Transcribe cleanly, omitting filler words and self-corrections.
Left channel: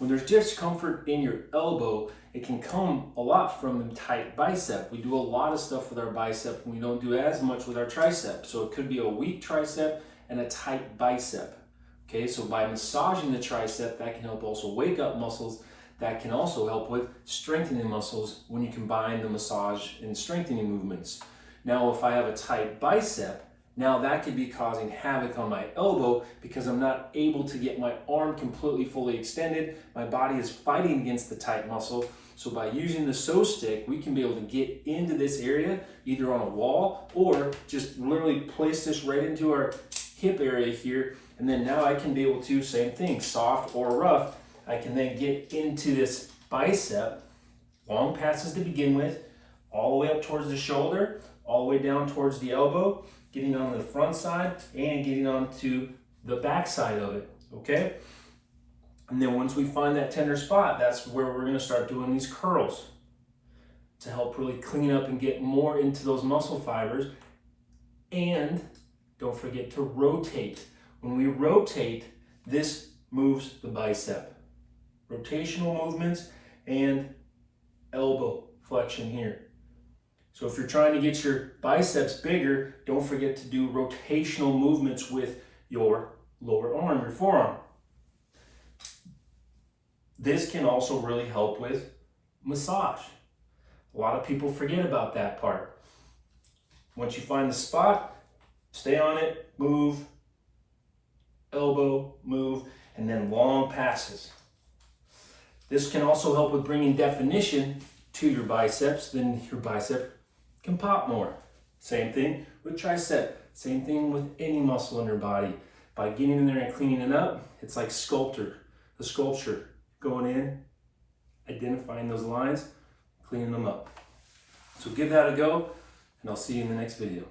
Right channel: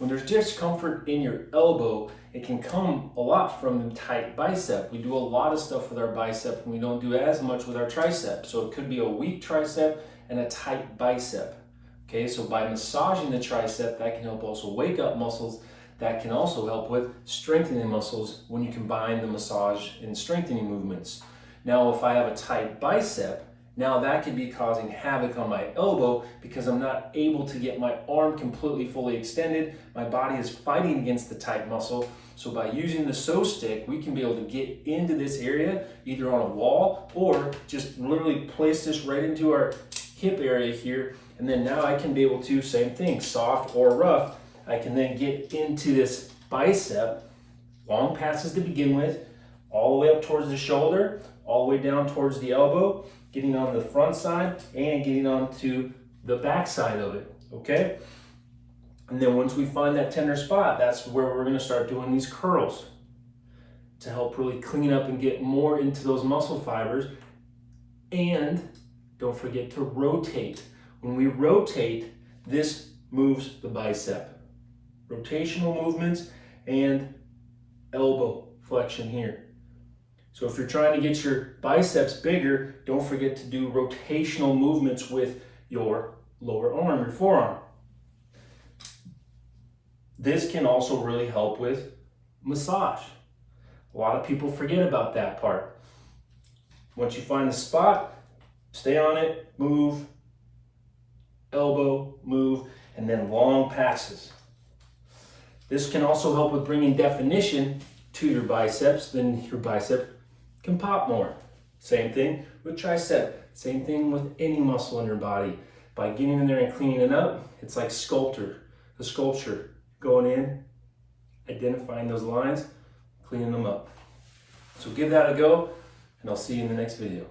When there's discomfort in your elbow, it can come a lot from the tight bicep. We do a lot of stuff with our bicep and we don't do as much with our tricep. So it could be a weak tricep and a tight bicep. Okay, so by massaging the tricep, that can help also wake up muscles. That can also help with strengthening muscles when you combine the massage and strengthening movements. Now, if I have a tight bicep, now that could be causing havoc on my elbow because I'm not able to get my arm completely fully extended. My body is fighting against the tight muscle. So by using the PSO-Stick, we can be able to get into this area, either on a wall or just literally place this right into our hip area here. And then now I can be able to, same thing, soft or rough, I can then get into this bicep, long passes to begin with, all the way up towards the shoulder, all the way down towards the elbow, getting on the front side and getting onto the back side of it, okay? And then once we find that tender spot, that's where we're gonna start doing these curls to help really clean up and get more into those muscle fibers. And don't forget to rotate. When we rotate, this moves the bicep. Rotational movements and elbow flexion here. So if you're trying to get your biceps bigger, don't forget to do rotational movements with your lower arm, your forearm. This can also really help with massage. A lot of people forget about that part. Once you find the spot, stay on it, move, elbow, move, and then long passes. This can also help with bringing definition to your biceps, then your bicep can pop more. Same thing with tricep, same thing with any muscle in your body. By getting in there and cleaning it up, it's like the sculpture, going in, identifying those lines, cleaning them up. So give that a go, and I'll see you in the next video.